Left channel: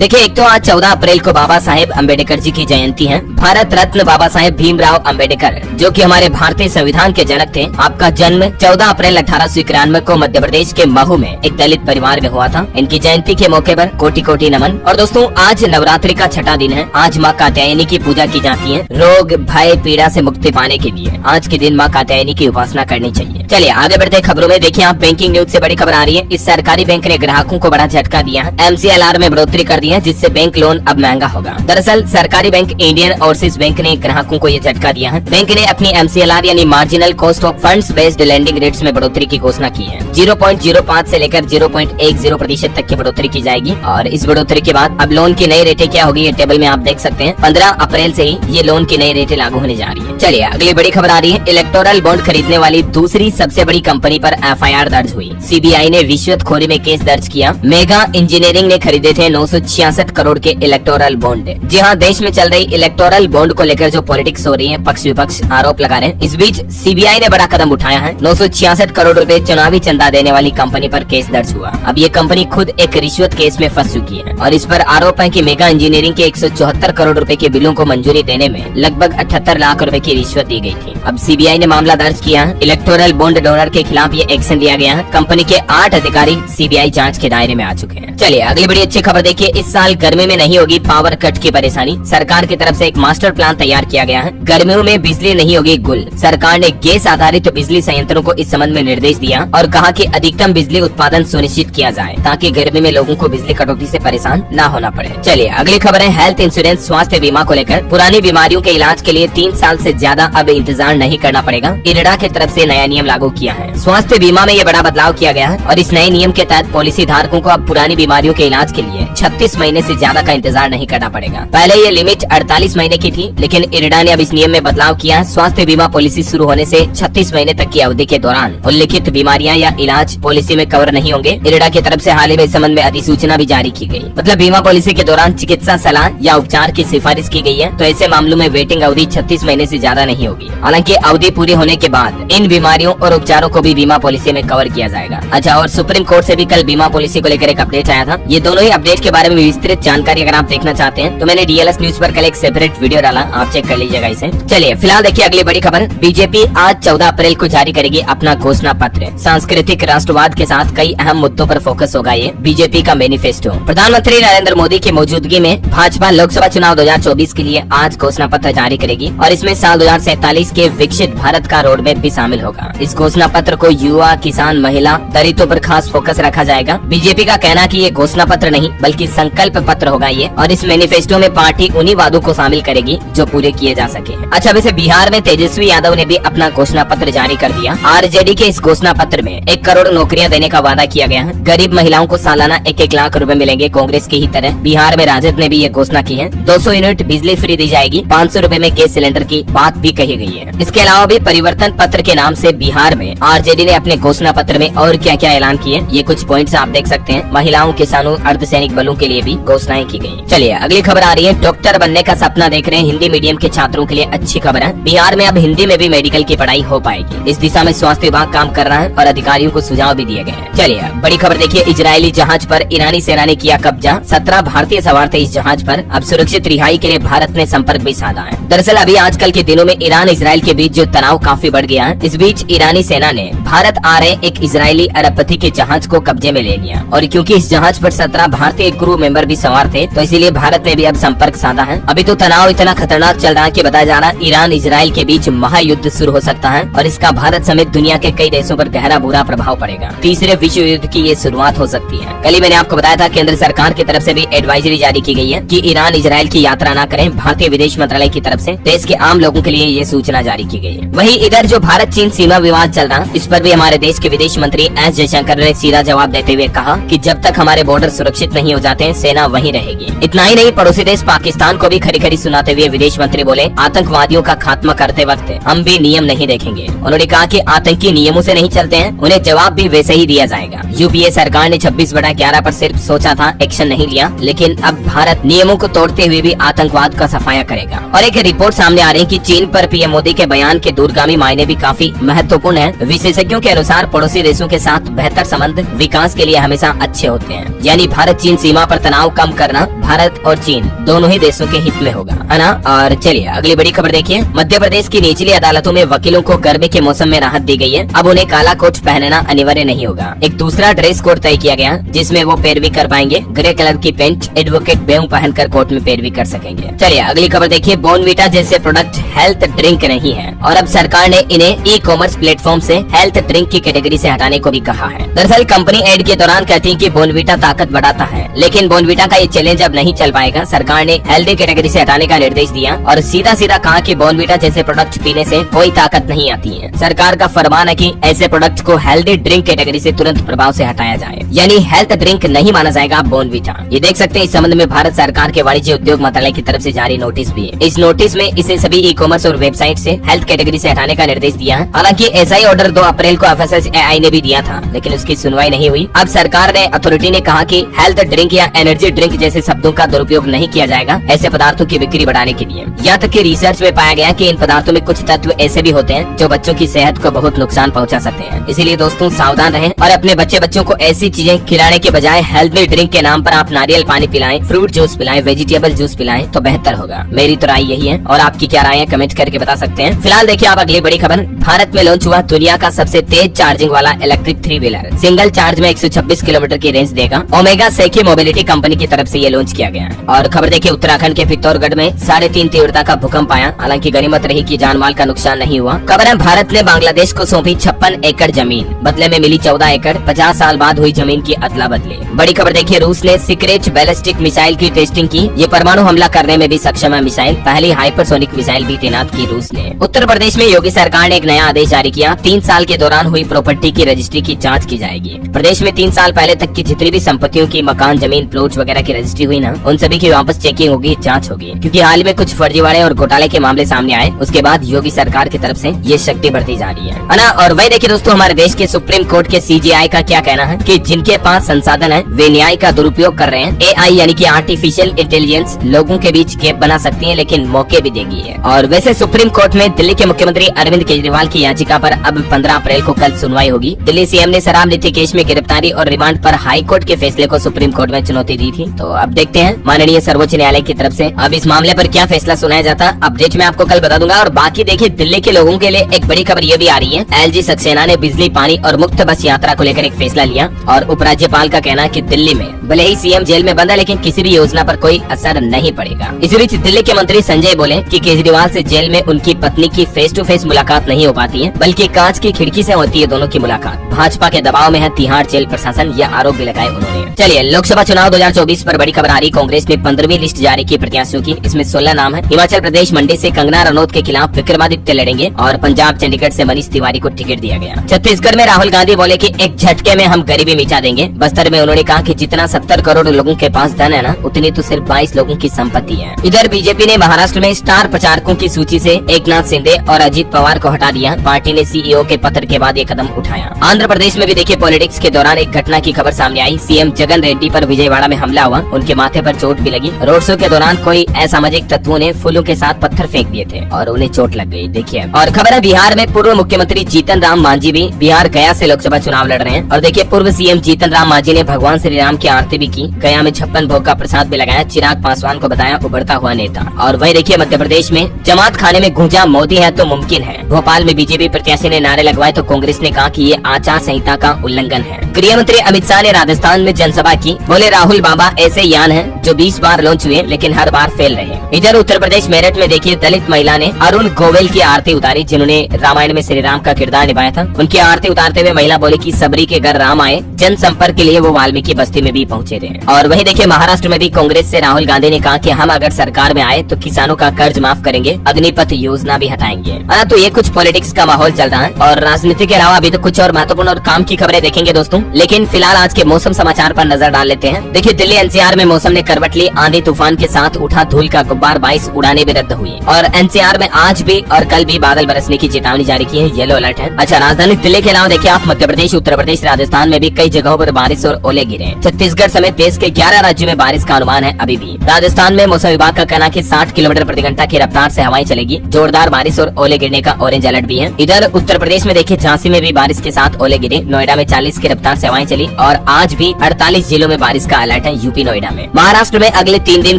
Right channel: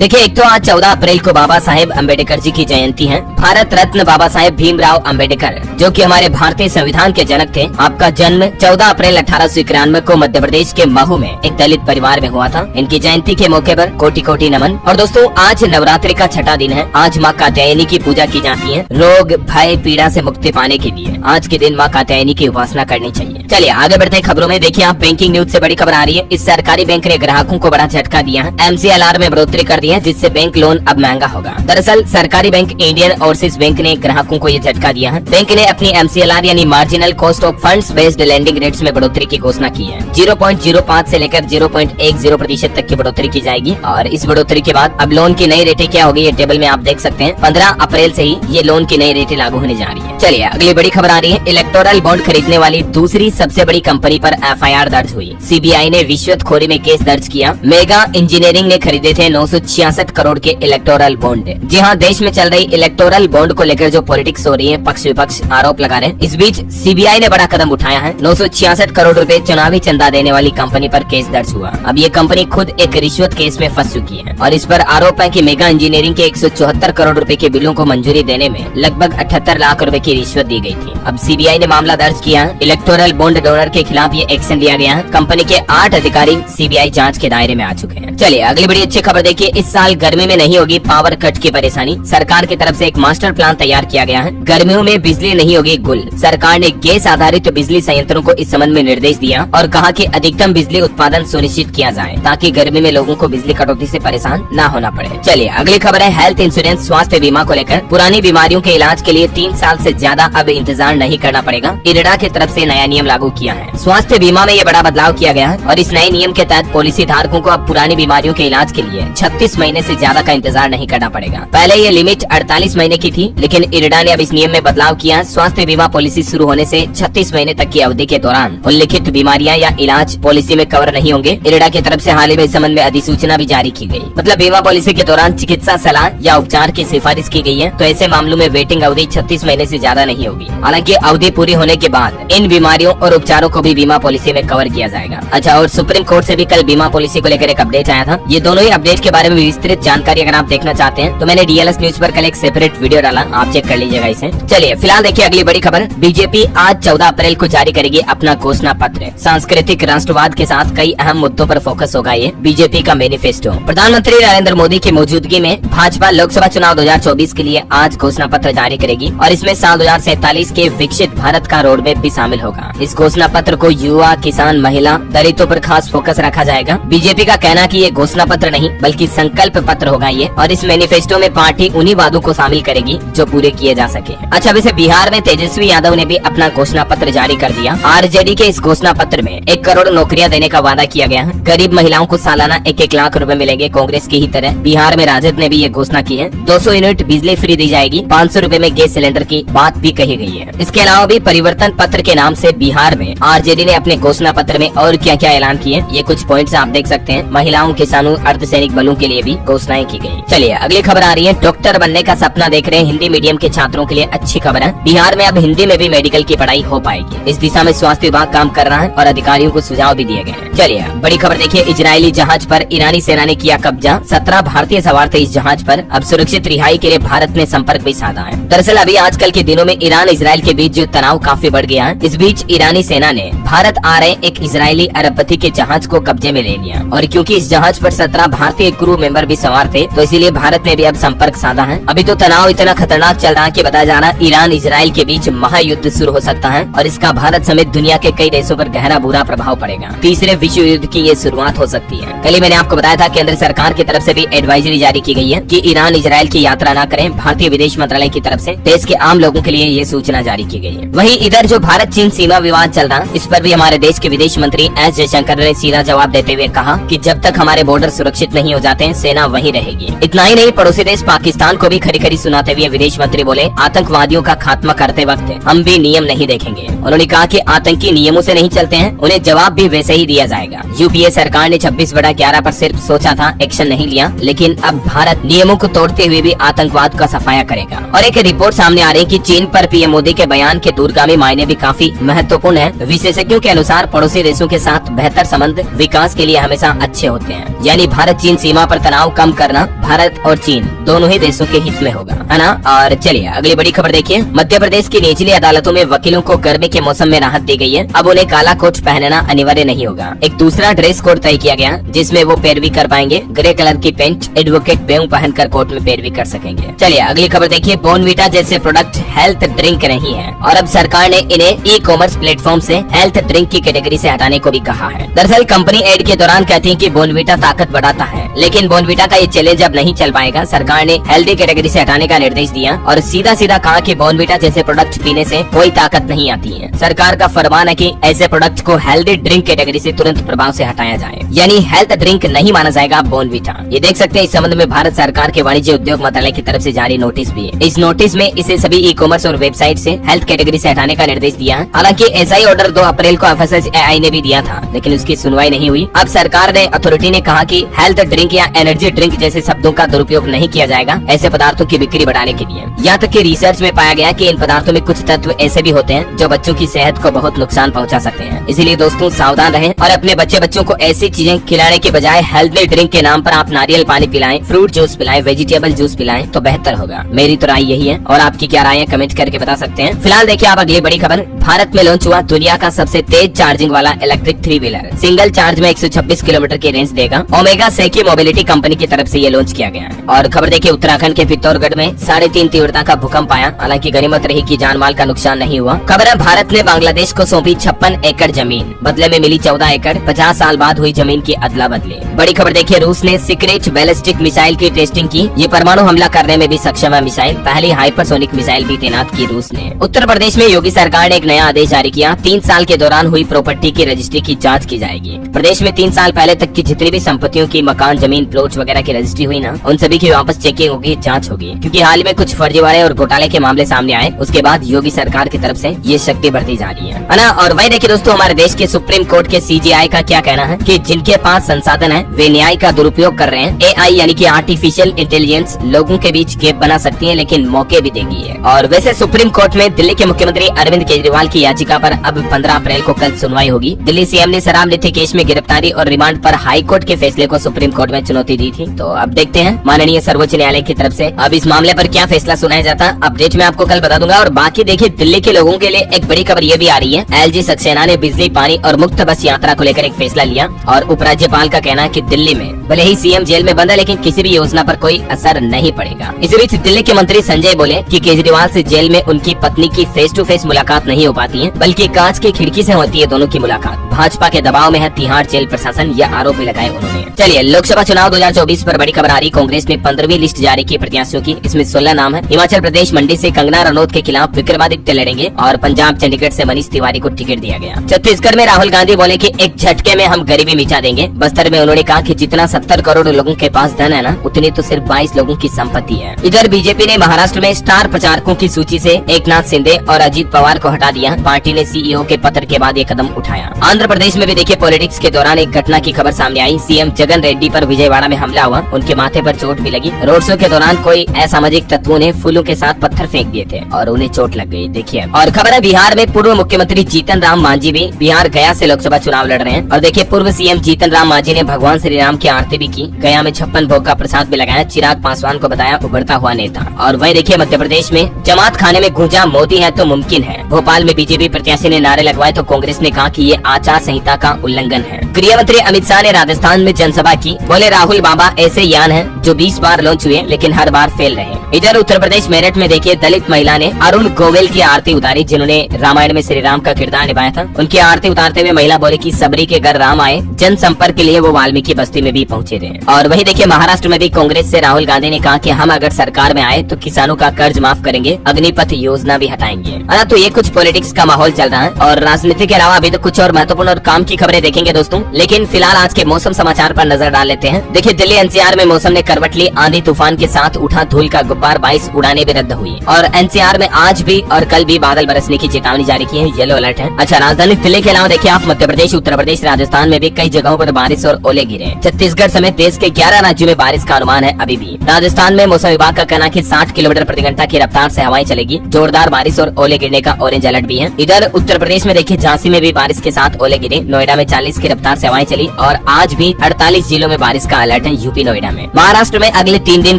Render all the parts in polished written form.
देखिए, एक तो आज 14 अप्रैल को बाबा साहेब अम्बेडकर जी की जयंती है। भारत रत्न बाबा साहेब भीमराव अम्बेडकर, जो कि हमारे भारतीय संविधान के जनक थे, आपका जन्म 14 अप्रैल 1891 को मध्य प्रदेश के महू में एक दलित परिवार में हुआ था। इनकी जयंती के मौके पर कोटि कोटि नमन। और दोस्तों, आज नवरात्रि का छठा दिन है। आज माँ कात्यायनी की पूजा की जाती है। रोग भय पीड़ा से मुक्ति पाने के लिए आज के दिन माँ कात्यायनी की उपासना करनी चाहिए। चलिए आगे बढ़ते खबरों में। देखिए, आप बैंकिंग न्यूज से बड़ी खबर आ रही है। इस सरकारी बैंक ने ग्राहकों को बड़ा झटका दिया है। MCLR में बढ़ोतरी कर दी है, जिससे बैंक लोन अब महंगा होगा। दरअसल सरकारी बैंक इंडियन ओवरसीज बैंक ने ग्राहकों को ये झटका दिया है। बैंक ने अपनी MCLR यानी marginal cost of funds based lending rates में बढ़ोतरी की घोषणा की है। 0.05 से लेकर 0.10% तक की बढ़ोतरी की जाएगी। और इस बढ़ोतरी के बाद अब लोन की नई रेटें क्या होगी, ये टेबल में आप देख सकते हैं। 15 अप्रैल से ही ये लोन की नई रेटें लागू होने जा रही है। चलिए अगली बड़ी खबर आ रही है। इलेक्टोरल बॉन्ड खरीदने वाली दूसरी सबसे बड़ी कंपनी पर FIR दर्ज हुई। CBI ने रिश्वतखोरी में केस दर्ज किया। मेगा इंजीनियरिंग ने खरीदे थे 966 करोड़ के इलेक्टोरल बॉन्ड। जी हाँ, देश में चल रही इलेक्टोरल बॉन्ड को लेकर जो पॉलिटिक्स हो रही है, पक्ष विपक्ष आरोप लगा रहे हैं। इस बीच CBI ने बड़ा कदम उठाया है। 966 करोड़ रुपए चुनावी चंदा देने वाली कंपनी पर केस दर्ज हुआ। अब ये कंपनी खुद एक रिश्वत केस में फंस चुकी है और इस पर आरोप है कि मेगा इंजीनियरिंग के 174 करोड़ रुपए के बिलों को मंजूरी देने में लगभग 78 लाख रुपए की रिश्वत दी गई थी। अब CBI ने मामला दर्ज किया है। इलेक्टोरल बॉन्ड डोनर के खिलाफ ये एक्शन लिया गया है। कंपनी के 8 अधिकारी CBI जांच के दायरे में आ चुके हैं। चलिए अगली बड़ी अच्छी खबर देखिए। इस साल गर्मी में नहीं होगी पावर कट की परेशानी। सरकार की तरफ से एक मास्टर प्लान तैयार किया गया है। गर्मियों में बिजली नहीं होगी गुल। सरकार ने गैस आधारित बिजली संयंत्रों को इस संबंध में निर्देश दिया और कहा कि अधिकतम बिजली उत्पादन सुनिश्चित किया जाए ताकि गर्मी में लोगों को बिजली कटौती से परेशान न होना पड़े। चलिए अगली खबर है हेल्थ इंश्योरेंस स्वास्थ्य बीमा को लेकर। पुरानी बीमारियों के इलाज के लिए 3 साल से ज्यादा अब इंतजार नहीं करना पड़ेगा। इरडा की तरफ से नया नियम लागू किया है। स्वास्थ्य बीमा में ये बड़ा बदलाव किया गया है और इस नए नियम के तहत पॉलिसी धारकों को अब पुरानी बीमारियों के इलाज के लिए 36 महीने से ज्यादा का इंतजार नहीं करना पड़ेगा। पहले ये लिमिट 48 महीने की थी, लेकिन इरडा ने अब इस नियम में बदलाव किया। स्वास्थ्य बीमा पॉलिसी शुरू होने से 36 महीने तक की अवधि के दौरान उल्लिखित बीमारियां या इलाज पॉलिसी में कवर नहीं होंगे। इरडा की तरफ से हाल ही में इस संबंध में अधिसूचना भी जारी की गई। मतलब बीमा पॉलिसी के दौरान चिकित्सा सलाह या उपचार की सिफारिश की गई है, तो ऐसे मामलों में वेटिंग अवधि 36 महीने से ज्यादा नहीं होगी। हालांकि अवधि पूरी होने के बाद इन बीमारियों और उपचारों को भी बीमा पॉलिसी में कवर किया जाएगा। अच्छा, और सुप्रीम कोर्ट से भी कल बीमा पॉलिसी को लेकर एक अपडेट आया था। ये दोनों ही अपडेट के बारे में विस्तृत जानकारी अगर आप देखना चाहते हैं तो मैंने DLS न्यूज पर कल एक सेपरेट वीडियो डाला, आप चेक कर लीजिएगा इसे। चलिए फिलहाल देखिए अगली बड़ी खबर। बीजेपी आज 14 अप्रैल को जारी करेगी अपना घोषणा पत्र। सांस्कृतिक राष्ट्रवाद के साथ कई अहम मुद्दों पर फोकस होगा ये बीजेपी का मैनिफेस्टो। प्रधानमंत्री नरेंद्र मोदी की मौजूदगी में भाजपा लोकसभा चुनाव 2024 के लिए आज घोषणा पत्र जारी करेगी और इसमें साल 2047 के विकसित भारत का रोड मैप भी शामिल होगा। इस घोषणा पत्र को युवा, किसान, महिला, दलितों पर खास फोकस रखा जाएगा। बीजेपी का कहना कि ये घोषणा पत्र नहीं बल्कि संकल्प पत्र होगा ये, और इस मैनिफेस्टो में पार्टी उन्हीं वादों को शामिल करेगी जो पूरे किए जा सके। अच्छा, वैसे बिहार में तेजस्वी यादव ने भी अपना घोषणा पत्र जारी कर दिया। RJD के इस घोषणा पत्र में 1 करोड़ नौकरियां देने का वादा किया गया है। गरीब महिलाओं को सालाना 1-1 लाख रुपए मिलेंगे कांग्रेस की ही तरह। बिहार में राजद ने भी ये घोषणा की है। 200 यूनिट बिजली फ्री दी जाएगी। 500 रुपए में गैस सिलेंडर की बात भी कही गई है। इसके अलावा भी परिवर्तन पत्र के नाम से बिहार में RJD ने अपने घोषणा पत्र में और क्या क्या ऐलान किए, ये कुछ पॉइंट्स आप देख सकते हैं। महिलाओं, किसानों, अर्धसैनिक बलों के लिए भी घोषणाएं की गई। चलिए अगली खबर आ रही है। डॉक्टर बनने का सपना देख रहे हैं हिंदी मीडियम के छात्रों के लिए अच्छी खबर है। बिहार में अब हिंदी में भी मेडिकल की पढ़ाई हो पाएगी। इस दिशा में स्वास्थ्य विभाग काम कर रहा है और अधिकारियों को सुझाव भी दिए गए हैं। चलिए बड़ी खबर देखिए। इजरायली जहाज पर ईरानी सेना ने किया कब्जा। 17 भारतीय सवार थे इस जहाज पर। अब सुरक्षित रिहाई के लिए भारत ने संपर्क भी साधा है। दरअसल अभी आजकल के दिनों में ईरान इजराइल के बीच जो तनाव काफी बढ़ गया है, इस बीच ईरानी सेना ने भारत आ रहे एक इजरायली अरबपति के जहाज को कब्जे में ले लिया। और क्योंकि इस जहाज पर 17 भारतीय क्रू मेंबर भी सवार थे, तो इसीलिए भारत ने भी अब संपर्क साधा है। अभी तो तनाव इतना खतरनाक चल रहा है कि बताया जा रहा है ईरान इजराइल के बीच महायुद्ध शुरू हो सकता है और इसका भारत समेत दुनिया के कई देशों पर गहरा बुरा प्रभाव पड़ेगा। तीसरे विश्व युद्ध की ये शुरुआत हो सकती है। कल ही मैंने आपको बताया था केंद्र सरकार की तरफ से भी एडवाइजरी जारी की गई है कि ईरान इजराइल की यात्रा न करें। भारतीय विदेश मंत्रालय की तरफ से देश के आम लोगों के लिए ये सूचना जारी की गई है। वहीं इधर जो भारत चीन सीमा विवाद चल रहा है, इस पर भी हमारे देश के विदेश मंत्री S जयशंकर ने सीधा जवाब देते हुए कहा कि जब तक हमारे बॉर्डर सुरक्षित नहीं हो जाते सेना वहीं रहेगी। इतना ही नहीं, पड़ोसी देश पाकिस्तान को भी खरी खरी सुनाते हुए विदेश मंत्री बोले, आतंकवादियों का खात्मा करते वक्त हम भी नियम नहीं देखेंगे। उन्होंने कहा कि आतंकी नियमों से नहीं चलते हैं, उन्हें जवाब भी वैसे ही दिया जाएगा। UPA सरकार ने 26/11 पर सिर्फ सोचा था, एक्शन नहीं लिया, लेकिन अब भारत नियमों को तोड़ते हुए भी आतंकवाद का सफाया करेगा। और एक रिपोर्ट सामने आ रही है कि चीन पर PM मोदी के बयान के दूरगामी मायने भी काफी महत्वपूर्ण है। विशेषज्ञों के अनुसार पड़ोसी देशों के साथ बेहतर संबंध विकास के लिए हमेशा अच्छे होते हैं। यानी भारत चीन सीमा पर तनाव कम करना भारत और चीन दोनों ही देशों के हित में होगा, है ना। और चलिए अगली बड़ी खबर देखिए। मध्य प्रदेश की निचली अदालतों में वकीलों को गर्मी के मौसम में राहत दी गई है। अब उन्हें काला कोट पहनना अनिवार्य नहीं होगा। एक दूसरा ड्रेस कोड तय किया गया जिसमें वो पैरवी कर पाएंगे। ग्रे कलर की पेंट एडवोकेट पेन पहनकर कोर्ट में पैरवी कर सकेंगे। चलिए अगली खबर देखिए। बॉर्नवीटा जैसे प्रोडक्ट हेल्थ ड्रिंक नहीं है और अब सरकार ने इन्हें ई कॉमर्स प्लेटफॉर्म से हेल्थ ड्रिंक की कैटेगरी से हटाने को भी कहा है। दरअसल कंपनी एड के दौरान कहती है कि बॉर्नवीटा ताकत बढ़ाता है, लेकिन बॉर्नवीटा का ये चैलेंज अब नहीं चल पाएगा। सरकार ने हेल्दी कैटेगरी से हटाने का निर्देश दिया और सीधा सीधा कहा कि बॉर्नवीटा जैसे प्रोडक्ट पीने से कोई ताकत नहीं आती है। सरकार का फरमान है कि ऐसे प्रोडक्ट को हेल्दी ड्रिंक कैटेगरी से तुरंत प्रभाव से हटाया जाए, यानी हेल्थ ड्रिंक नहीं माना जाएगा बॉर्नवीटा। ये देख सकते हैं इस संबंध में भारत सरकार के वाणिज्य उद्योग मंत्रालय की तरफ से जारी नोटिस भी। इस नोटिस में इसे सभी ई कॉमर्स और वेबसाइट से हेल्थ कैटेगरी से हटाने का निर्देश दिया है। हालांकि ऐसा ही ऑर्डर 2 अप्रैल को FSSAI ने भी दिया था, लेकिन उसकी सुनवाई नहीं हुई। अब सरकार ने अथॉरिटी ने कहा कि हेल्थ ड्रिंक या एनर्जी ड्रिंक जैसे शब्दों का दुरुपयोग नहीं किया जाएगा ऐसे पदार्थों की बिक्री बढ़ाने के लिए। यहाँ तक कि रिसर्च में पाया गया कि इन पदार्थों में कुछ तत्व ऐसे भी होते हैं जो बच्चों की सेहत को बहुत नुकसान पहुंचा सकते हैं। इसीलिए दोस्तों सावधान रहें और अपने बच्चों को ऐसी चीजें खिलाने के बजाय हेल्थी ड्रिंक के नाम पर आप नारियल पानी पिलाएं, फ्रूट जूस पिलाएं, वेजिटेबल जूस पिलाएं तो बेहतर होगा। मेरी तो राय यही है और आपकी क्या राय है कमेंट करके बता सकते हैं। फिलहाल देखिए आप अगली बड़ी खबर। भारत में लॉन्च हुआ दुनिया का सबसे तेज चार्जिंग वाला इलेक्ट्रिक 3 व्हीलर। सिंगल चार्ज में 126 किलोमीटर की रेंज देगा। ओमेगा सेकी मोबिलिटी कंपनी की तरफ से ये लॉन्च किया गया है। और खबर देखिए उत्तराखंड के पित्तौरगढ़ में 3.5 तीव्रता का भूकंप आया। हालांकि गनीमत रही कि जान माल का नुकसान नहीं हुआ। खबर है भारत ने बांग्लादेश को सौंपी 56 एकड़ जमीन, बदले में मिली 14 एकड़। 50 साल बाद हुई जमीन की अदला बदली। बड़ी खबर देखिए रूस ने सीक्रेट बैलिस्टिक मिसाइल की टेस्टिंग की। ये परमाणु हमला करने में भी सक्षम है मिसाइल। पहली हाइपरसोनिक मिसाइल भी तैनात की रूस ने। उत्तर प्रदेश में योगी सरकार ने एक नया आदेश जारी किया। 3 साल के दौरान हुई प्रॉपर्टी की रजिस्ट्री की जांच की जाएगी। प्रदेश में 3 साल पहले तक की जितनी भी संपत्तियों की मकान, जमीन, प्लॉट वगैरह की रजिस्ट्री हुई ना, उन सभी की वापस चेकिंग होगी, जांच होगी। क्योंकि हाल में कुछ फर्जीवाड़े और घोटाले के मामले सामने आए, उसके बाद योगी सरकार की तरफ से ये शक्ति बढ़ती जा रही है ना। और वही देखिए दोस्तों हमारे देश के सुप्रीम कोर्ट के CJI का क्या कहना है कि जिनके पास संसाधन है वे न्याय का दुरुपयोग कर रहे हैं। AI यानी कि आर्टिफिशियल इंटेलिजेंस लोगों के बीच गैप बना सकती है, लेकिन मौके भी देगी है। और वैसे सुप्रीम कोर्ट में दिल्ली के मुख्यमंत्री अरविंद केजरीवाल की याचिका पर अब 15 अप्रैल को कल सुनवाई होगी। दिल्ली CM ने शराब नीति केस में गिरफ्तारी और रिमांड पर हाई कोर्ट के फैसले को सुप्रीम कोर्ट में चुनौती दी थी। तो अब देखते हैं माननीय सर्वोच्च न्यायालय की तरफ से अब इस मामले पर क्या फैसला सुनाया जाता है। अपडेट में आपको कल बता दूंगा। और बाकी देखिए दिल्ली के लोगों के लिए एक बड़ी खबर ये भी आ रही है। LG सक्सेना ने बिजली, पानी और मुक्त बस यात्रा को लेकर एक फैसला लिया। और उपराज्यपाल का कहना है कि दिल्ली में भले ही CM जेल में बंद है, लेकिन किसी भी योजना पर कोई असर नहीं पड़ेगा। इस बीच दिल्ली के मंत्री संजय बोले कि केजरीवाल से जेल में उनकी पत्नी की फेस टू फेस मुलाकात नहीं हो पाती है, बल्कि कांच की खिड़की से होती है दोनों की मुलाकात। भाजपा के दबाव में है तिहाड़ जेल प्रशासन, यह आरोप भी लगाए उन्होंने। चलिए लोकसभा चुनाव 2024 पर बड़ी खबर आ रही। कांग्रेस ने 15वीं लिस्ट जारी की प्रत्याशियों की। इसमें 16 नाम है। हिमाचल प्रदेश मंडी से कंगना रनौत के खिलाफ विक्रमादित्य लड़ेंगे और पंजाब चंडीगढ़ से मनीष तिवारी को टिकट दिया गया। छत्तीसगढ़ में राहुल गांधी बोले कि एक झटके में हम गरीबी मिटा देंगे। बस्तर में उन्होंने कहा कि जितना 70 करोड़ लोगों के पास धन है ना, उतनी तो सिर्फ 22 लोगों की संपत्ति है। इधर बीजेपी ने महाराष्ट्र में स्टार प्रचारकों की सूची से एकनाथ शिंदे और अजीत पवार को हटा दिया। पार्टी ने CEO के पत्र के बाद ये कदम उठाया। आंध्र प्रदेश में भी देखिए पॉलिटिक्स के दौरान एक घटना की खबर सामने आई। CM जगन रेड्डी पर विजयवाड़ा में हमला हुआ, उनके माथे पर चोट भी लगी। रोड शो के दौरान कोई असामाजिक तत्वों ने फूलों के साथ पत्थर फेंक दिए थे और उन्हें चोट लग गई। देखिए और खबर है बिहार में पूर्व मुख्यमंत्री जीतन राम मांझी भी बिहार गया से लोकसभा चुनाव लड़ रहे हैं। और देखिए पूर्व CM जीतन राम मांझी ने भगवान श्री राम की आरती भी की। गया में 56 भोग का प्रसाद भी लगाया। चिराग पासवान को बताया उभरता हुआ नेता। और वही देखिए मध्य प्रदेश में जमात खाने में गूंजा मोदी है तो मुमकिन है। भोपाल में बीजेपी प्रत्याशी ने नारे लगवाए तो कांग्रेस ने कहा कि ये आचार संहिता का उल्लंघन है। गृह मंत्री अमित शाह ने राजस्थान में जनसभा की। बोले राहुल बाबा ऐसे यान हैं जो 20 बार लॉन्च हुए लेकिन हर बार फेल रहे। इधर उत्तर प्रदेश मेरठ में देखिए दलित महिला ने अरुण गोविल की आरती उतारी, जिन्होंने रामायण में श्री राम का किरदार निभाया था। उनकी आरती उतारते हुए महिला बोली कि सबरी के घर राम आए। जन संपर्क के लिए वो वाल्मीकि बस्ती में भी पहुंचे थे। और वही देखिए महाराष्ट्र में भी कांग्रेस से राहुल गांधी ने कहा कि हम अगर सरकार में आए तो किसानों का कर्ज माफ करेंगे, अग्निपथ योजना भी हटाएंगे। तो ये कुछ पॉलिटिक्स का माहौल चल रहा है और राजनीति के अलावा अभी तो कुछ और महत्वपूर्ण और काम की खबरें देखेंगे दोस्तों। लेकिन फिलहाल आज के मौसम समाचार पर नजर डाल लेते हैं। देखिए दिल्ली NCR में मौसम ने करवट ली। आंधी तूफान के साथ उठा धूल का गुब्बार, 22 उड़ानें भी रद्द हुई। और NCR में आज भी और कल भी बादल बरसने की चेतावनी जारी की है, येलो अलर्ट है। अच्छा राजधानी दिल्ली के अलावा देखिए आप मध्य प्रदेश, उत्तर प्रदेश, राजस्थान में भी कई जगहों पर बारिश और ओले गिरे। छत्तीसगढ़ समेत देश के 11 राज्यों में बारिश का अनुमान है। अभी भी राजस्थान में मौसम विभाग का कहना है कि 60 किलोमीटर प्रति घंटा की रफ्तार से हवाएं चलेगी। जोरदार बारिश और ओले गिरने का ऑरेंज अलर्ट भी है। इधर उत्तर प्रदेश में देखिए झांसी में भी बारिश के साथ ओले गिरे। नोएडा में 40 की रफ्तार से हवाएं चली और आज भी 48 जिलों में बारिश का अलर्ट अलर्ट है यूपी नोएडा में। महाराष्ट्र में अगले 3 दिन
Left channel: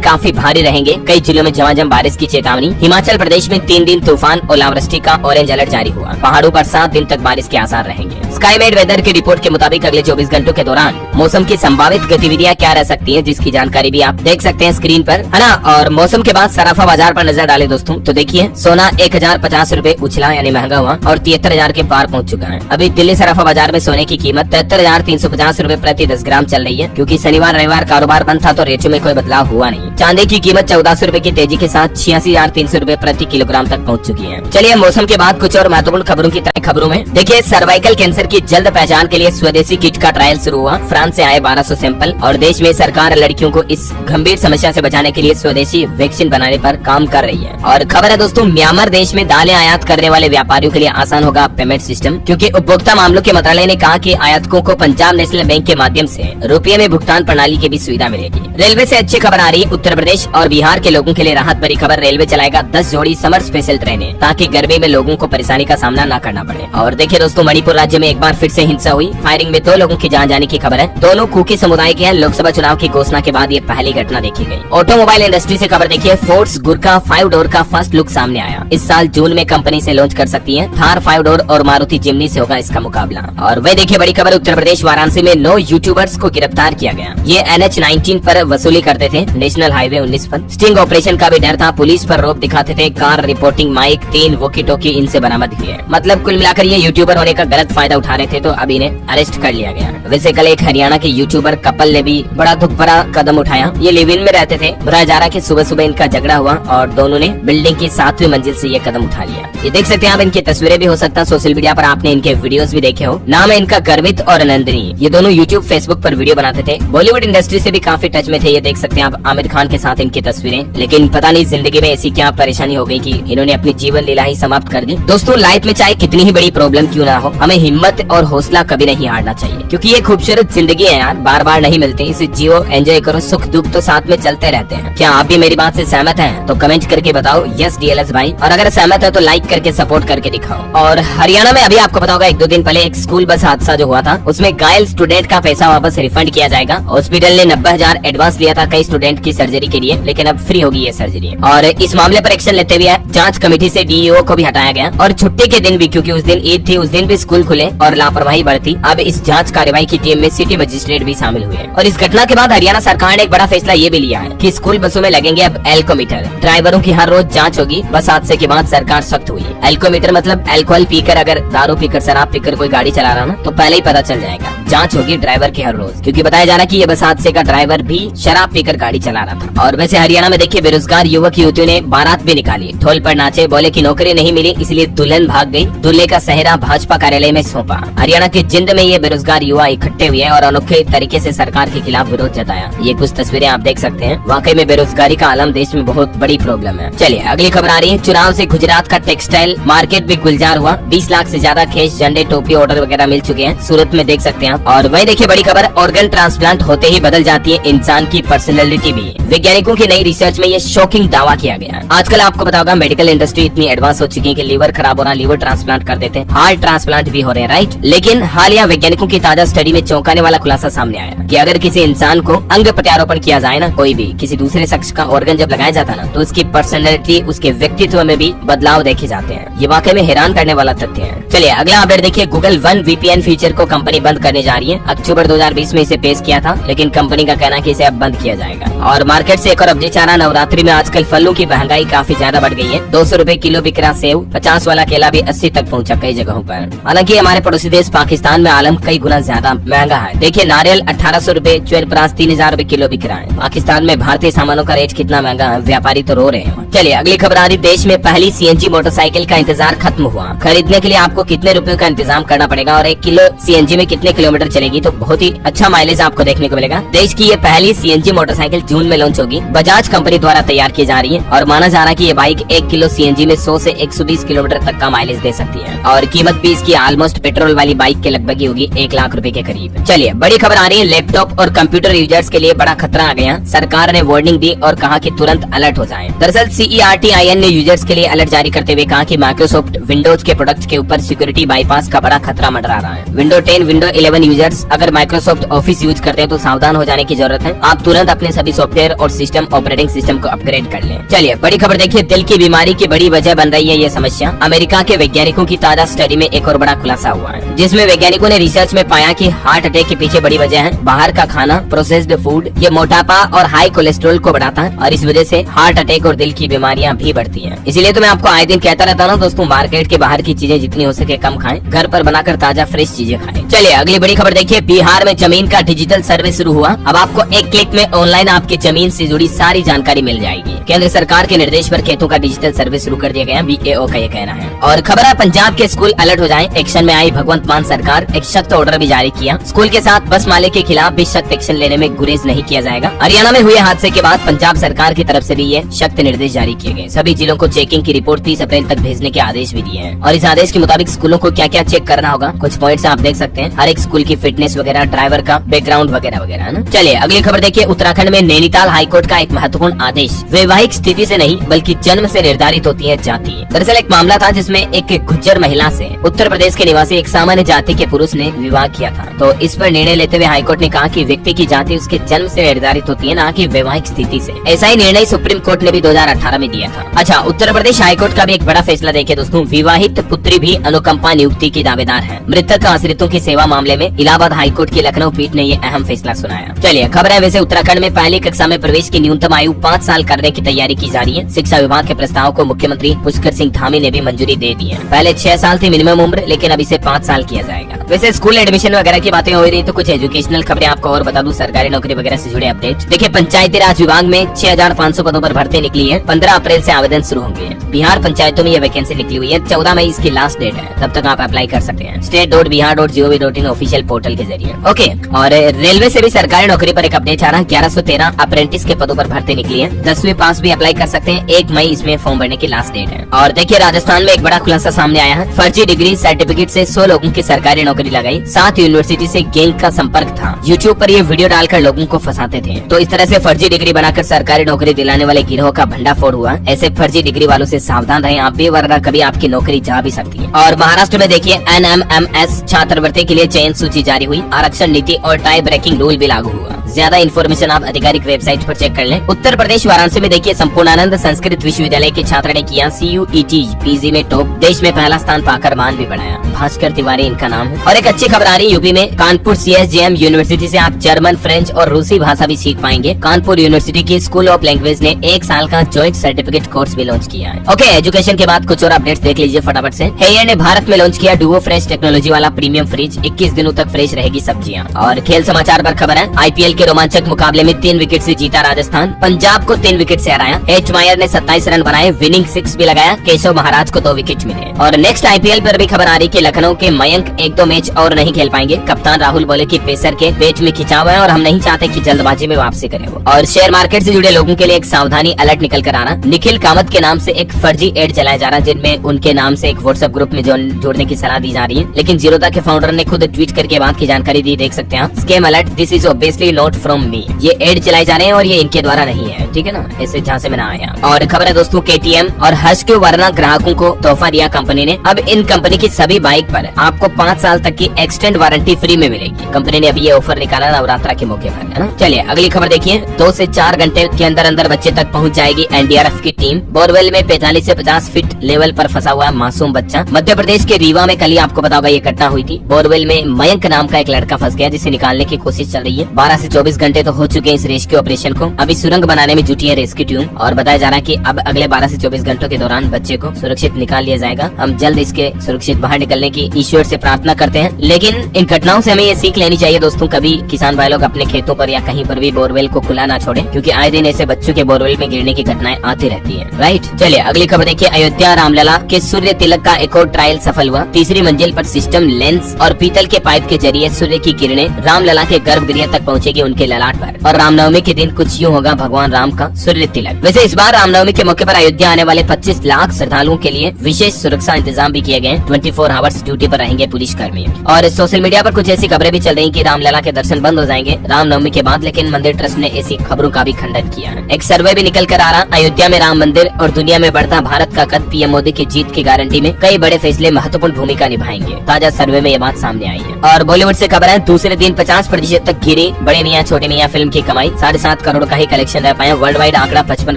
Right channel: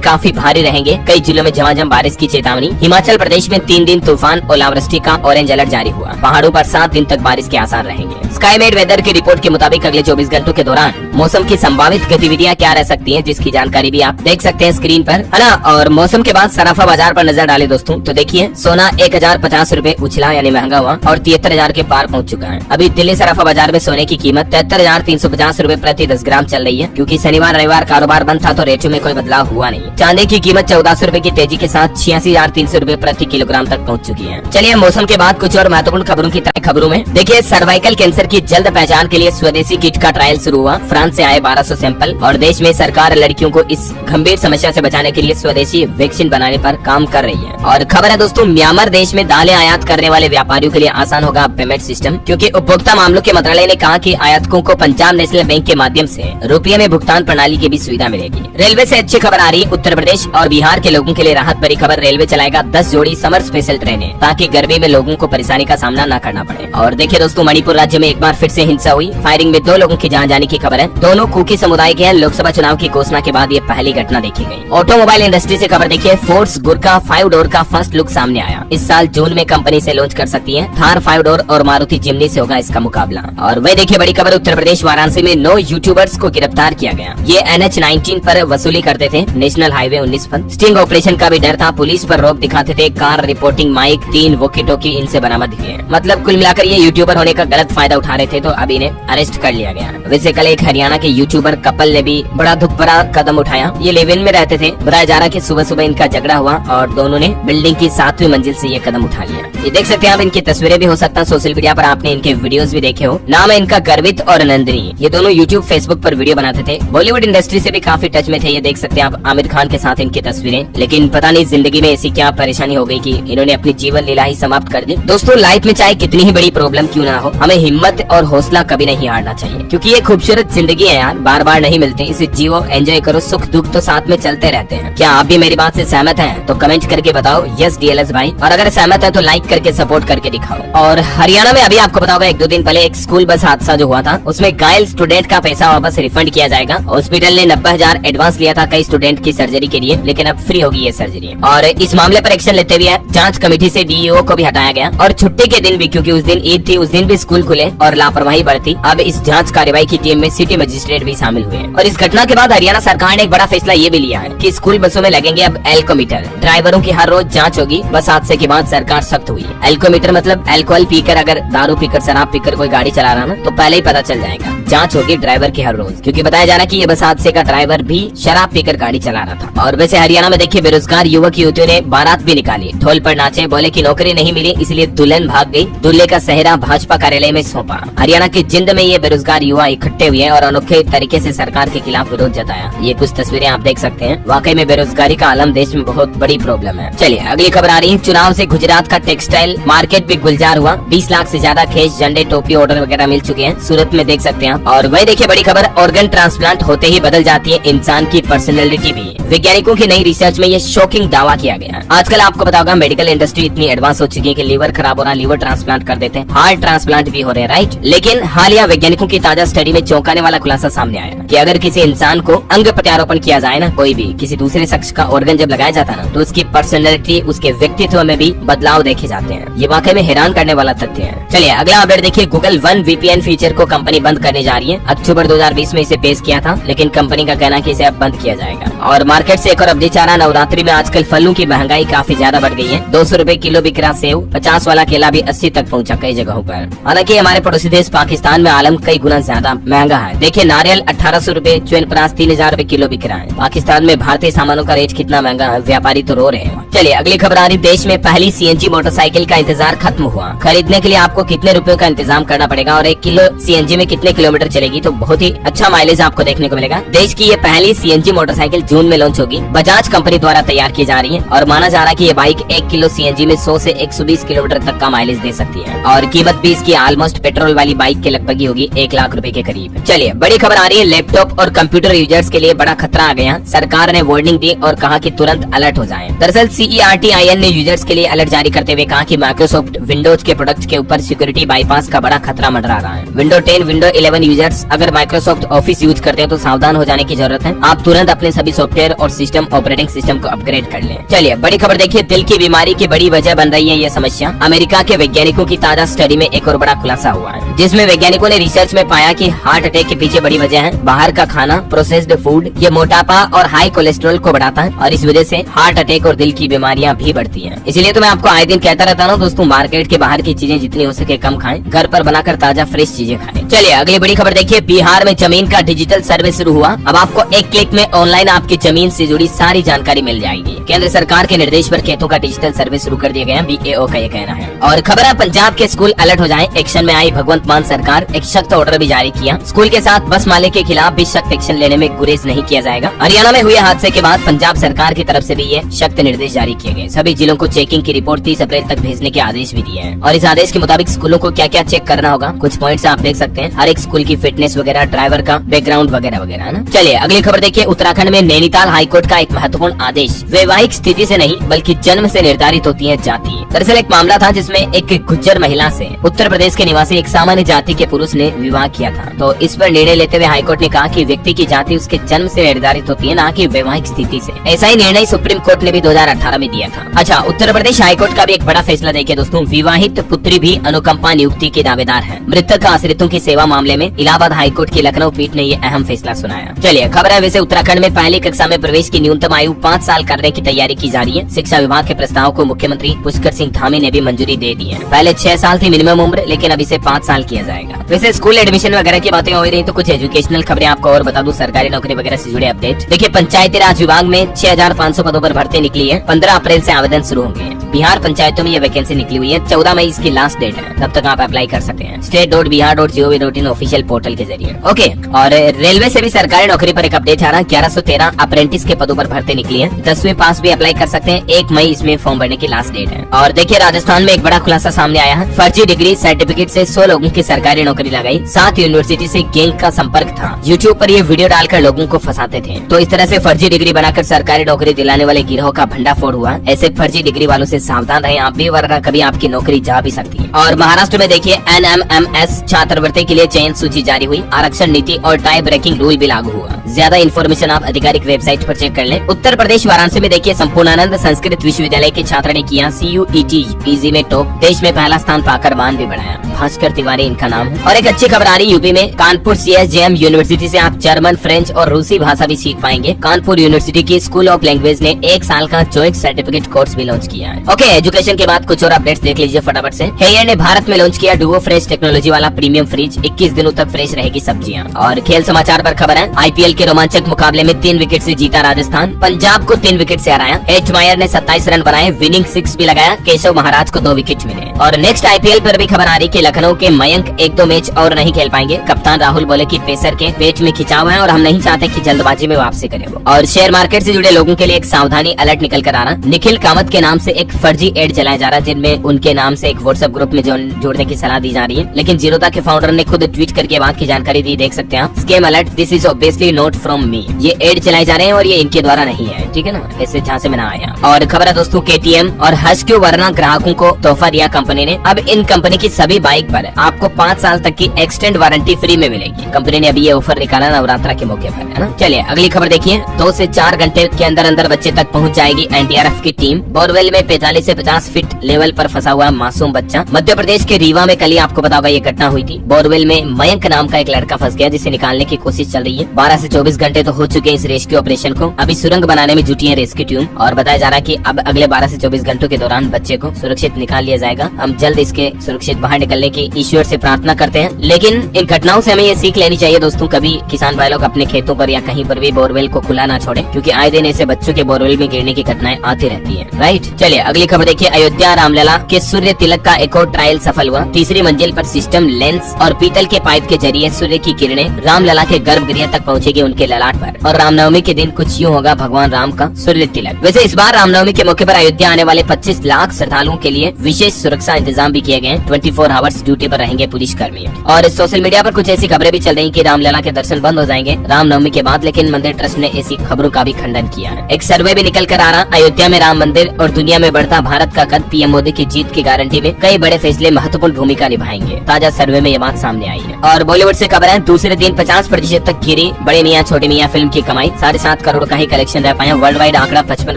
काफी भारी रहेंगे, कई जिलों में झमाझम बारिश की चेतावनी। हिमाचल प्रदेश में 3 दिन तूफान ओलावृष्टि का ऑरेंज अलर्ट जारी हुआ। पहाड़ों पर 7 दिन तक बारिश के आसार रहेंगे। स्काईमेट वेदर की रिपोर्ट के मुताबिक अगले 24 घंटों के दौरान मौसम की संभावित गतिविधियां क्या रह सकती हैं, जिसकी जानकारी भी आप देख सकते हैं स्क्रीन पर, है ना। और मौसम के बाद सराफा बाजार पर नजर डाले दोस्तों, तो देखिए सोना 1050 रूपए उछला यानी महंगा हुआ और 73,000 के पार पहुंच चुका है। अभी दिल्ली सराफा बाजार में सोने की कीमत 73,350 रूपए प्रति 10 ग्राम चल रही है, क्योंकि शनिवार रविवार कारोबार बंद था तो रेटों में कोई बदलाव हुआ नहीं। चांदी की कीमत 1400 रूपए की तेजी के साथ 86,300 रूपए प्रति किलोग्राम तक पहुंच चुकी है। चलिए मौसम के बाद कुछ और महत्वपूर्ण खबरों की तरह खबरों में देखिए, सर्वाइकल कैंसर की जल्द पहचान के लिए स्वदेशी किट का ट्रायल शुरू हुआ। फ्रांस से आए 1200 सैंपल और देश में सरकार लड़कियों को इस गंभीर समस्या से बचाने के लिए स्वदेशी वैक्सीन बनाने पर काम कर रही है। और खबर है दोस्तों, म्यांमार देश में दालें आयात करने वाले व्यापारियों के लिए आसान होगा पेमेंट सिस्टम, क्योंकि उपभोक्ता मामलों के मंत्रालय ने कहा कि आयातकों को पंजाब नेशनल बैंक के माध्यम से रुपये में भुगतान प्रणाली की भी सुविधा मिलेगी। रेलवे से अच्छी खबर आ रही है, उत्तर प्रदेश और बिहार के लोगों के लिए राहत भरी खबर। रेलवे चलाएगा 10 जोड़ी समर स्पेशल ट्रेनें, ताकि गर्मी में लोगों को परेशानी का सामना न करना पड़े। और देखिए दोस्तों, मणिपुर राज्य में एक बार फिर से हिंसा हुई, फायरिंग में 2 लोगों की जान जाने की खबर है। दोनों कुकी समुदाय के हैं। लोकसभा चुनाव की घोषणा के बाद ये पहली घटना देखी गई। ऑटोमोबाइल इंडस्ट्री से खबर देखिए, फोर्स गुरका 5 डोर का फर्स्ट लुक सामने आया। इस साल जून में कंपनी से लॉन्च कर सकती है। थार 5 डोर और मारुति जिम्नी से होगा इसका मुकाबला। और वही देखिए बड़ी खबर, उत्तर प्रदेश वाराणसी में 9 यूट्यूबर्स को गिरफ्तार किया गया। ये NH-19 पर वसूली करते थे, नेशनल हाईवे 19 पर। स्टिंग ऑपरेशन का भी डर था, पुलिस पर रोक दिखाते थे। Car reporting mic 3 walkie talkie इनसे बरामद किए। मतलब कुल मिलाकर ये यूट्यूबर होने का गलत फायदा उठा रहे थे, तो अब इन्हें अरेस्ट कर लिया गया। वैसे कल एक हरियाणा के यूट्यूबर कपल ने भी बड़ा दुख भरा कदम उठाया। ये लिव इन में रहते थे। बताया जा रहा है कि सुबह सुबह इनका झगड़ा हुआ और दोनों ने बिल्डिंग की 7वीं मंजिल से ये कदम उठा लिया। ये देख सकते हैं आप, इनकी तस्वीरें भी हो सकता है सोशल मीडिया पर आपने इनके वीडियोस भी देखे हो। नाम है इनका गर्वित और नंदिनी। ये दोनों यूट्यूब फेसबुक पर वीडियो बनाते थे। बॉलीवुड इंडस्ट्री से भी काफी टच में थे। ये देख सकते हैं आप आमिर खान के साथ इनकी तस्वीरें। लेकिन पता नहीं जिंदगी में ऐसी क्या परेशानी हो गई कि इन्होंने अपनी जीवन लीला ही समाप्त कर दी। दोस्तों लाइफ में चाहे कितनी ही बड़ी प्रॉब्लम क्यों ना हो, हमें हिम्मत और हौसला कभी नहीं हारना चाहिए, क्योंकि ये खूबसूरत जिंदगी है यार, बार बार नहीं मिलती। इसे जियो, एंजॉय करो, सुख दुख तो साथ में चलते रहते हैं। क्या आप भी मेरी बात से सहमत हैं? तो कमेंट करके बताओ यस DLS भाई, और अगर सहमत है तो लाइक करके सपोर्ट करके दिखाओ। और हरियाणा में अभी आपको पता होगा 1-2 दिन पहले एक स्कूल बस हादसा जो हुआ था, उसमें घायल स्टूडेंट का पैसा वापस रिफंड किया जाएगा। हॉस्पिटल ने 90,000 एडवांस लिया था कई स्टूडेंट की सर्जरी के लिए, लेकिन अब फ्री होगी ये सर्जरी। और इस मामले पर एक्शन लेते हुए जांच कमेटी से DEO को भी हटाया गया। और छुट्टी के दिन भी, क्योंकि उस दिन ईद थी, उस दिन भी स्कूल खुले और लापरवाही बरती। अब इस जांच कार्रवाई की टीम में सिटी मजिस्ट्रेट भी शामिल हुए। और इस घटना के बाद हरियाणा सरकार ने एक बड़ा फैसला ये भी लिया है कि स्कूल बसों में लगेंगे अब एल्कोमीटर। ड्राइवरों की हर रोज जांच होगी। बस हादसे के बाद सरकार सख्त हुई। एल्कोमीटर मतलब अल्कोहल पीकर, अगर दारू पीकर, शराब पीकर कोई गाड़ी चला रहा है तो पहले ही पता चल जाएगा। जांच होगी ड्राइवर की हर रोज, क्योंकि बताया जा रहा है कि ये बस हादसे का ड्राइवर भी शराब पीकर गाड़ी चला रहा था। और वैसे हरियाणा में देखिए बेरोजगार युवक युवतियों ने बारात भी निकाली, ढोल पर नाचे, बोले कि नौकरी नहीं मिली इसलिए दुल्हन भाग गई। दूल्हे का सेहरा भाजपा कार्यालय में सौंपा। हरियाणा के जिंद में ये बेरोजगार युवा इकट्ठे हुए और अनोखे तरीके से सरकार के खिलाफ विरोध जताया। ये कुछ तस्वीरें आप देख सकते हैं। वाकई में बेरोजगारी का आलम देश में बहुत बड़ी प्रॉब्लम है। चलिए अगली खबर आ रही है, चुनाव से गुजरात का टेक्सटाइल मार्केट भी गुलजार हुआ। 20 लाख से ज्यादा खेस, झंडे, टोपी ऑर्डर वगैरह मिल चुके हैं। सूरत में देख सकते हैं आप। और वही देखिए बड़ी खबर, ऑर्गन ट्रांसप्लांट होते ही बदल जाती है इंसान की पर्सनैलिटी भी। वैज्ञानिकों की नई रिसर्च में ये शॉकिंग दावा किया गया। आजकल आपको पता होगा मेडिकल इंडस्ट्री इतनी एडवांस हो चुकी है कि लीवर खराब हो रहा, लीवर ट्रांसप्लांट कर देते हैं, हार्ट ट्रांसप्लांट भी हो रहे हैं, राइट। लेकिन हालिया वैज्ञानिकों की ताजा स्टडी में चौंकाने वाला खुलासा सामने आया कि अगर किसी इंसान को अंग प्रत्यारोपण किया जाए ना, कोई भी किसी दूसरे शख्स का ऑर्गन जब लगाया जाता है ना, तो उसकी पर्सनैलिटी, उसके व्यक्तित्व में भी बदलाव देखे जाते हैं। ये वाकई में हैरान करने वाला तथ्य है। चलिए अगला अपडेट देखिए, गूगल वन VPN फीचर को कंपनी बंद करने जा रही है। अक्टूबर 2020 में इसे पेश किया था, लेकिन कंपनी का कहना है कि इसे अब बंद किया जाएगा। और मार्केट से एक और अपडेट आ रहा, नवरात्रि में आजकल फलों की महंगाई काफी ज्यादा बढ़ गई है। 200 रुपए किलो बिक रहा सेव, 50 वाला केला भी 80 तक पहुंचा कई जगहों पर। हालांकि हमारे पड़ोसी देश पाकिस्तान में आलम कई गुना ज्यादा महंगा है। देखिए नारियल 1800 रुपए, च्यवनप्राश 3000 रुपए किलो बिक रहा है। पाकिस्तान में भारतीय सामानों का रेट कितना महंगा है, व्यापारी तो रो रहे हैं। चलिए अगली खबर आ रही, देश में पहली CNG मोटरसाइकिल का इंतजार खत्म हुआ। खरीदने के लिए आपको कितने रुपयों का इंतजाम करना पड़ेगा और 1 किलो CNG में कितने किलोमीटर चलेगी, तो बहुत ही अच्छा माइलेज आपको देखने को मिलेगा। देश की ये पहली CNG मोटरसाइकिल जून में लॉन्च होगी। बजाज कंपनी द्वारा तैयार की जा रही है और माना जा रहा है कि ये बाइक 1 किलो सीएनजी में 100 से 120 किलोमीटर तक का माइलेज दे सकती है और कीमत भी इसकी ऑलमोस्ट पेट्रोल वाली बाइक के लगभग ही होगी 1 लाख रुपए के करीब। चलिए बड़ी खबर आ रही है, लैपटॉप और कंप्यूटर यूजर्स के लिए बड़ा खतरा आ गया। सरकार ने वार्निंग दी और कहा कि तुरंत अलर्ट हो जाएं। दरअसल CERTIN ने यूजर्स के लिए अलर्ट जारी करते हुए कहा कि माइक्रोसॉफ्ट विंडोज के प्रोडक्ट के ऊपर सिक्योरिटी बाईपास का बड़ा खतरा मंडरा रहा है। विंडो 10, विंडो 11 यूजर्स अगर माइक्रोसॉफ्ट ऑफिस यूज करते हैं तो सावधान हो जाने की जरूरत है। आप तुरंत अपने सभी सॉफ्टवेयर और सिस्टम ऑपरेटिंग सिस्टम को अपग्रेड कर लें। चलिए बड़ी खबर देखिए, दिल की बीमारी की बड़ी वजह बन रही है ये समस्या। अमेरिका के वैज्ञानिकों की ताजा स्टडी में एक और बड़ा खुलासा हुआ है, जिसमें वैज्ञानिकों ने रिसर्च में पाया कि हार्ट अटैक के पीछे बड़ी वजह है बाहर का खाना, प्रोसेस्ड फूड। ये मोटापा और हाई कोलेस्ट्रॉल को बढ़ाता है और इस वजह से हार्ट अटैक और दिल की बीमारियां भी बढ़ती हैं। इसीलिए तो मैं आपको आए दिन कहता रहता हूँ दोस्तों, मार्केट के बाहर की चीजें जितनी हो सके कम खाएं, घर पर बनाकर ताजा फ्रेश चीजें खाएं। चलिए अगली बड़ी खबर देखिए, बिहार में जमीन का डिजिटल सर्वे शुरू हुआ। अब आपको एक क्लिक में ऑनलाइन आपकी जमीन से जुड़ी सारी जानकारी मिल जाएगी। केंद्र सरकार के निर्देश पर खेतों का डिजिटल सर्वे शुरू कर दिया गया, BAO का ये कहना है। और खबर है, पंजाब के स्कूल अलर्ट हो जाएं। एक्शन में आई भगवंत मान सरकार, एक सख्त ऑर्डर भी जारी किया। स्कूल के साथ बस मालिक के खिलाफ भी सख्त एक्शन लेने में गुरेज नहीं किया जाएगा। हरियाणा में हुए हादसे के बाद पंजाब सरकार की तरफ से भी ये सख्त निर्देश जारी किए गए। सभी जिलों को चेकिंग की रिपोर्ट 30 अप्रैल तक भेजने के आदेश भी दिए हैं और इस आदेश के मुताबिक स्कूलों को क्या क्या चेक करना होगा, कुछ पॉइंट्स आप देख सकते हैं। हर एक स्कूल की फिटनेस वगैरह, ड्राइवर का बैकग्राउंड वगैरह वगैरह है ना। चलिए अगली खबर देखिए, उत्तराखंड में नैनीताल हाईकोर्ट का एक महत्वपूर्ण आदेश। वैवाहिक स्थिति से नहीं बल्कि जन्म से निर्धारित होती है जाति। दरअसल एक मामला था जिसमें एक गुज्जर महिला से उत्तर प्रदेश के निवासी एक सामान्य जाति के पुरुष ने विवाह किया था। तो इस पर निर्णय लेते हुए हाईकोर्ट ने कहा कि व्यक्ति की जाति उसके जन्म से निर्धारित होती है, न कि वैवाहिक स्थिति से। ऐसा ही निर्णय सुप्रीम कोर्ट ने भी 2018 में दिया था। अच्छा, उत्तर प्रदेश हाईकोर्ट का भी एक बड़ा फैसला देखिए दोस्तों, विवाहित पुत्री भी अनुकंपा नियुक्ति की दावेदार है। मृतक आश्रितों की सेवा मामले में इलाहाबाद हाईकोर्ट की लखनऊ पीठ ने ये अहम फैसला सुनाया। चलिए खबर है, वैसे उत्तराखंड में पहली कक्षा में प्रवेश की न्यूनतम आयु 5 साल करने की तैयारी की जा रही है। शिक्षा विभाग के प्रस्ताव को मुख्यमंत्री पुष्कर सिंह धामी ने भी मंजूरी दे दी है। पहले 6 साल थी मिनिमम उम्र, लेकिन अब इसे 5 साल किया जाएगा। वैसे स्कूल एडमिशन वगैरह की बातें हो रही, तो कुछ एजुकेशनल खबरें आपको और बता दूं, सरकारी नौकरी वगैरह से जुड़े अपडेट देखिए। पंचायती राज विभाग में 6500 पदों पर भर्ती निकली है। 15 अप्रैल से आवेदन शुरू होंगे। बिहार पंचायतों में ये वैकेंसी निकली हुई है। 14 मई इसकी लास्ट डेट है, तब तक आप अप्लाई कर सकते हैं state.bihar.gov.in ऑफिशियल पोर्टल के जरिए। ओके, और रेलवे से भी सरकारी नौकरी पर एक अपडेट आ रहा है। 1113 अप्रेंटिस के पदों पर भर्ती निकली है। 10वीं पास भी अप्लाई कर सकते हैं। 1 मई इसमें फॉर्म भरने की लास्ट डेट है। और देखिए राजस्थान में एक बड़ा खुलासा सामने आया है। फर्जी डिग्री सर्टिफिकेट से 100 लोगों की सरकारी नौकरी लगाई। 7 यूनिवर्सिटी से गैंग का संपर्क था। यूट्यूब पर ये वीडियो डालकर लोगों को फंसाते थे। तो इस तरह से फर्जी डिग्री बनाकर सरकारी नौकरी दिलाने वाले गिरोह का भंडाफोड़ हुआ। ऐसे फर्जी डिग्री वालों से सावधान रहें आप भी, वरना कभी आपकी नौकरी जा भी सकती है। और महाराष्ट्र में देखिए NMMS छात्रवृत्ति के लिए चयन सूची जारी हुई। आरक्षण नीति और टाई ब्रेकिंग रूल भी लागू हुआ। ज्यादा इन्फॉर्मेशन आप आधिकारिक वेबसाइट पर चेक कर लें। उत्तर प्रदेश वाराणसी में देखिए संपूर्णानंद संस्कृत विश्वविद्यालय के छात्र ने किया CUET PG में टॉप। देश में पहला स्थान पाकर मान भी बढ़ाया। भास्कर तिवारी इनका नाम है। और एक अच्छी खबर आ रही है, यूपी में कानपुर CSJM यूनिवर्सिटी से आप जर्मन, फ्रेंच और रूसी भाषा भी सीख पाएंगे। कानपुर यूनिवर्सिटी की स्कूल ऑफ लैंग्वेज ने 1 साल का ज्वाइंट सर्टिफिकेट कोर्स भी लॉन्च किया है। ओके, एजुकेशन के बाद कुछ और अपडेट्स देख लीजिए फटाफट से। हेयर ने भारत में लॉन्च किया डुओ फ्रेश टेक्नोलॉजी वाला प्रीमियम फ्रिज। 21 दिनों तक फ्रेश रहेगी सब्जियां। और खेल समाचार पर खबर है, IPL के रोमांचक मुकाबले में 3 विकेट से जीता राजस्थान। पंजाब को 3 विकेट से हराया। एच मायर ने 27 रन बनाए, विनिंग 6 भी लगाया। केशव महाराज को 2 विकेट मिले। और नेक्स्ट IPL पर भी खबर आ रही कि लखनऊ के मयंक 1-2 मैच और नहीं खेल पाएंगे। कप्तान राहुल बोले कि पेसर के पेट में खिंचाव है और हम नहीं चाहते कि जल्दबाजी में वापसी करें वो। और शेयर मार्केट से जुड़े लोगों के लिए एक सावधानी अलर्ट निकल कर आना। निखिल कामत के नाम से एक फर्जी एड चलाया जा रहा है, जिनमें उनके नाम से एक व्हाट्सएप ग्रुप में जोड़ने की सलाह दी जा रही है। लेकिन जीरोधा के फाउंडर ने खुद ट्वीट करके बात की जानकारी दी, देख सकते हैं आप। Scam alert, this is obviously not from me. ये एड चलाए जा रहे हैं और ये इनके द्वारा नहीं है, ठीक है ना, ऐसे जहाँ से मैंने आया। और खबर है दोस्तों, KTM और हस्क्यू वर्ना ग्राहकों को तोहफा दिया कंपनी ने। अब इन कंपनी की सभी बाइक पर आपको 5 साल तक की एक्सटेंड वारंटी फ्री में मिलेगी। कंपनी ने अभी ये ऑफर निकाला नवरात्रा के मौके पर, है ना। चलिए अगली खबर देखिए, 2 से 4 घंटे के अंदर अंदर बच्चे तक पहुंच जाएगी NDRF की टीम। बोरवेल में 45 से 50 फीट लेवल पर फंसा हुआ मासूम बच्चा। मध्य प्रदेश के रीवा में कल ही आपको बताऊंगा ये घटना हुई थी। बोरवेल में मयंक नाम का एक लड़का फंस गया, जिसे निकालने की कोशिश चल रही है। 12 से 24 घंटे तो हो चुके हैं इस रेस्क्यू ऑपरेशन को। अभी सुरंग बनाने में जुटी है रेस्क्यू टीम और बताया जा रहा है कि अब अगले 12 से 24 घंटों के दौरान बच्चे को सुरक्षित निकाल लिया जाएगा। हम जल्द इसके सुरक्षित बाहर निकलने की ईश्वर से प्रार्थना करते हैं। लेकिन इन घटनाओं से हमें ये सीख लेनी चाहिए दोस्तों, कभी किसान भाई लोग अपने खेतों पर या कहीं पर भी बोरवेल को खुला ना छोड़े, क्योंकि आए दिन ऐसे बच्चों के बोरवेल में गिरने की घटनाएं आती रहती है। राइट, चलिए अगली खबर देखिए, अयोध्या रामलला के सूर्य तिलक का एक और ट्रायल सफल हुआ। 3री मंजिल पर सिस्टम, लेंस और पीतल के पाइप के जरिए सूर्य की किरणें रामलला के गर्भगृह तक पहुंचेगी उनके ललाट पर। और रामनवमी के दिन कुछ यूँ होगा भगवान राम का सूर्य तिलक। वैसे इस बार रामनवमी के मौके पर अयोध्या आने वाले 25 लाख श्रद्धालुओं के लिए विशेष सुरक्षा इंतजाम भी किए गए। 24 आवर्स ड्यूटी पर रहेंगे पुलिस कर्मी। और सोशल मीडिया पर कुछ ऐसी खबरें भी चल रही कि रामलला के दर्शन बंद हो जाएंगे रामनवमी के बाद, लेकिन मंदिर ट्रस्ट ने इसी खबरों का भी खंडन किया है। एक सर्वे भी निकल कर आ रहा, अयोध्या में राम मंदिर और दुनिया में बढ़ता भारत का कद पीएम मोदी की जीत की गारंटी में कई बड़े फैसले महत्वपूर्ण भूमिका निभाएंगे। ताजा सर्वे में ये बात सामने आई है। और बॉलीवुड से खबर है, दूसरे दिन 50% तक गिरी बड़े मियाँ छोटे मियाँ फिल्म की कमाई। 7.5 करोड़ का ही कलेक्शन रह पाए। वर्ल्ड वाइड आंकड़ा 55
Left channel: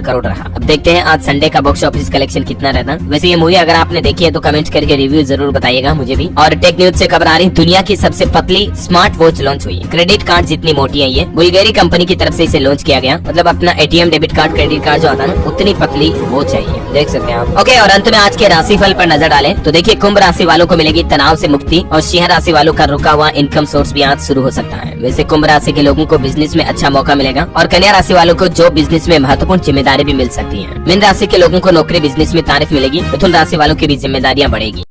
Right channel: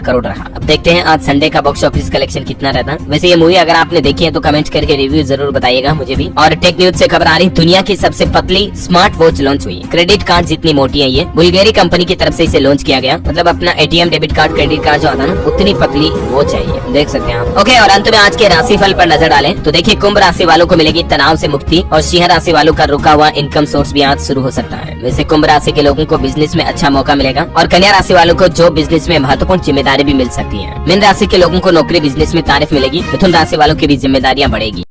करोड़ रहा। अब देखते हैं आज संडे का बॉक्स ऑफिस कलेक्शन कितना रहता है। वैसे ये मूवी अगर आपने देखी है तो कमेंट करके रिव्यू जरूर बताइएगा मुझे भी। और टेक न्यूज से खबर आ रही, दुनिया की सबसे पतली स्मार्ट वॉच लॉन्च हुई। क्रेडिट कार्ड जितनी मोटी है ये, बुल्गारी कंपनी की तरफ से इसे लॉन्च किया गया। मतलब अपना ATM debit card credit card जो आता है ना, उतनी पतली वॉच है ये, देख सकते हैं आप। ओके, और अंत में आज के राशिफल पर नजर डालें तो देखिए, कुंभ राशि वालों को मिलेगी तनाव से मुक्ति और सिंह राशि वालों का रुका हुआ इनकम सोर्स भी आज शुरू हो सकता है। वैसे कुंभ राशि के लोगों को बिजनेस में अच्छा मौका मिलेगा और कन्या राशि वालों को जॉब बिजनेस में महत्वपूर्ण जिम्मेदारी भी मिल सकती है। मीन राशि के लोगों को नौकरी बिजनेस में तारीफ मिलेगी। मिथुन राशि वालों की भी जिम्मेदारियां बढ़ेगी।